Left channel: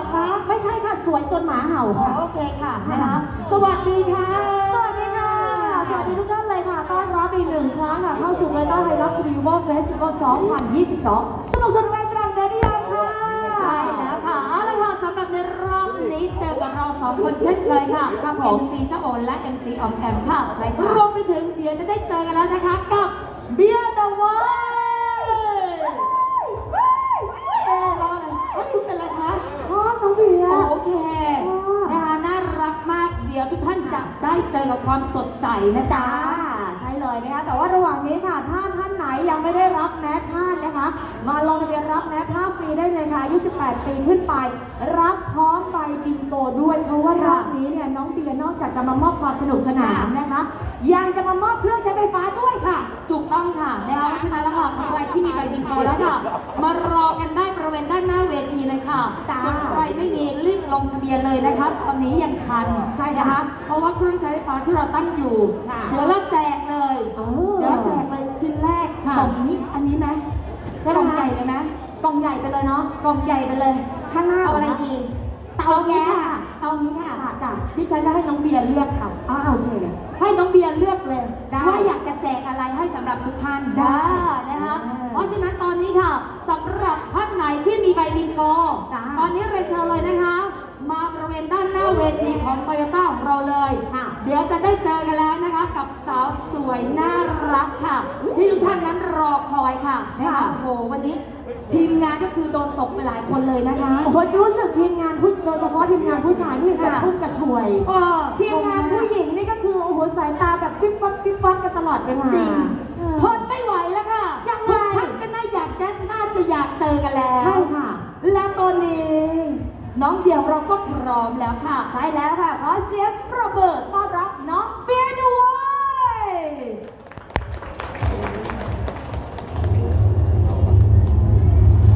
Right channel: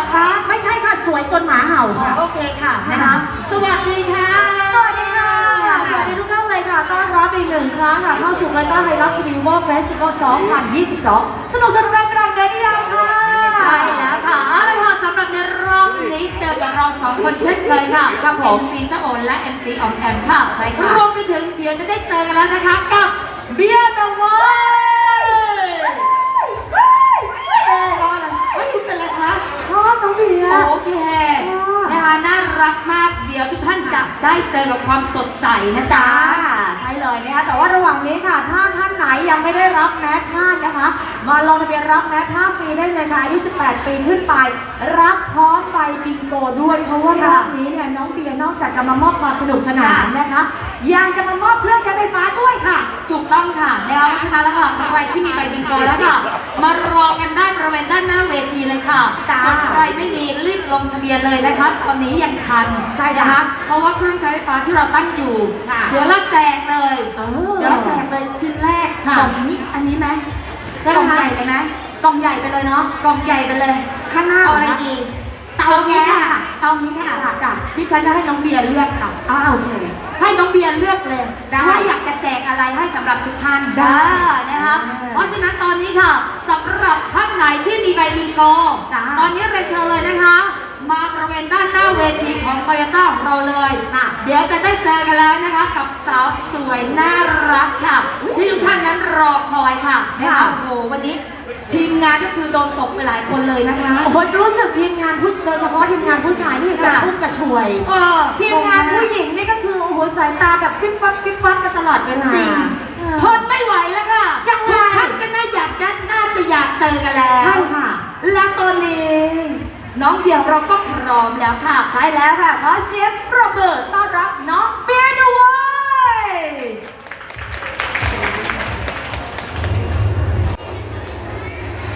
อคะไม่ใช่ค่ะสวยจนหมาเห่าอ๋อค่ะ โอเคค่ะนะคะ สวัสดีค่ะ สวัสดีค่ะ สวัสดีทุกท่านเลยค่ะ ต้อนรับอีกหนึ่งครั้งค่ะ เข้าสู่รายการไฮรักซีวอลเฟสติวัล2022 สนุกสนานกลางเดือนที่ยังค่ะ ใช่แล้วค่ะเอาละค่ะสำหรับในรอบนี้เจอกับเราสองคนเช่นเคยค่ะ ครับผม MC เจ้าโอนและ MC ออมแอมค่ะใช่ค่ะ รวมไปถึงเดี๋ยวจะได้เจอกันแล้วนะคะกับเบียร์ดาวายเออรออะไรเฮ้ยคุณเป็นอะไรคะ ชอบน้องเบียร์ โอเค ค่ะ นะคะน่ารักมากเดี๋ยวทุกท่านจะได้เจอกับความสดใสนะจ๊ะ จ้าใช่เลยนะคะแต่ว่าระหว่างนี้ค่ะ ถ้าท่านไหนยังไม่ได้รับแมสผ้านะคะ มาลงทะเบียนรับแมสผ้าฟรีได้เลยค่ะอายุ18 ปีขึ้นไป รับพร้อมใบบิงโกด้วย เพราะว่ารอบนี้เนี่ยน้องเบียร์นอกจากจะมามอบความสนุกสนานนะคะ ยังจะมามอบเครื่องใช้ไฟฟ้าด้วยค่ะ ถูกต้องค่ะนะคะเพราะฉะนั้นแล้วค่ะใครที่มีใบบิงโกแล้วค่ะ มารอกันได้บริเวณด้านหน้าเวทีเลยค่ะจ้า ส่วนใครไม่มีรีบ ลงทะเบียนเลยนะคะ ตอนนี้ยังทันใช่ค่ะนะคะ เพราะว่าเครื่องใช้ไฟฟ้าที่เราตั้งอยู่ ค่ะเดี๋ยวเราแจกเลยเออเดี๋ยวเราแจกเลยชิ้นแรกค่ะกล่องนี้อันนี้ไหมใช่ไหมกล่องคะใหญ่ไปไหมกล่องใหญ่ไปเลยเนาะกล่องใหญ่ไปเลยข้างหน้าเอาอะไรเหดีเตาเอานี้แก๊สค่ะค่ะเอานี้ค่ะค่ะจ้ะดิฉันจะให้น้องเบียร์เลือกค่ะ อ้าวโอเค ให้น้องเบียร์เลือกเลยได้ว่าอยากจะแจกอะไรให้สำหรับทุกท่านได้นะคะ ได้ เพราะฉะนั้นตอนนี้ค่ะ โตโยต้าของเราเลยค่ะ เดี๋ยวจะได้เจอกันแล้วนะคะ กับสาวสวยน่ารักค่ะ ที่ทุกท่านนั้นรอคอยค่ะนะคะค่ะโอ้โหวันนี้ทีมงานก็คือโดนตกไปหลายคนเลยนะคะโอ้โหรู้สึกทีมงานผู้โดยเฉพาะทีมงานผู้ชายนี่กระชุ่มกระชวยเออทีมงานผู้หญิงนี่ก็คือโอ้โหสายตาแบบปิ๊บปั๊บปิ๊บปั๊บกันตลอดเวลาจริงเออทนไม่ไหวแล้วค่ะยังไงทุกท่านก็น่าอยากจะน่าจะอยากเจอกันแล้วใช่ค่ะ และตอนนี้ น้องเดียวเราก็พร้อมแล้วค่ะใช่แล้วค่ะขอเสียงปรบมือ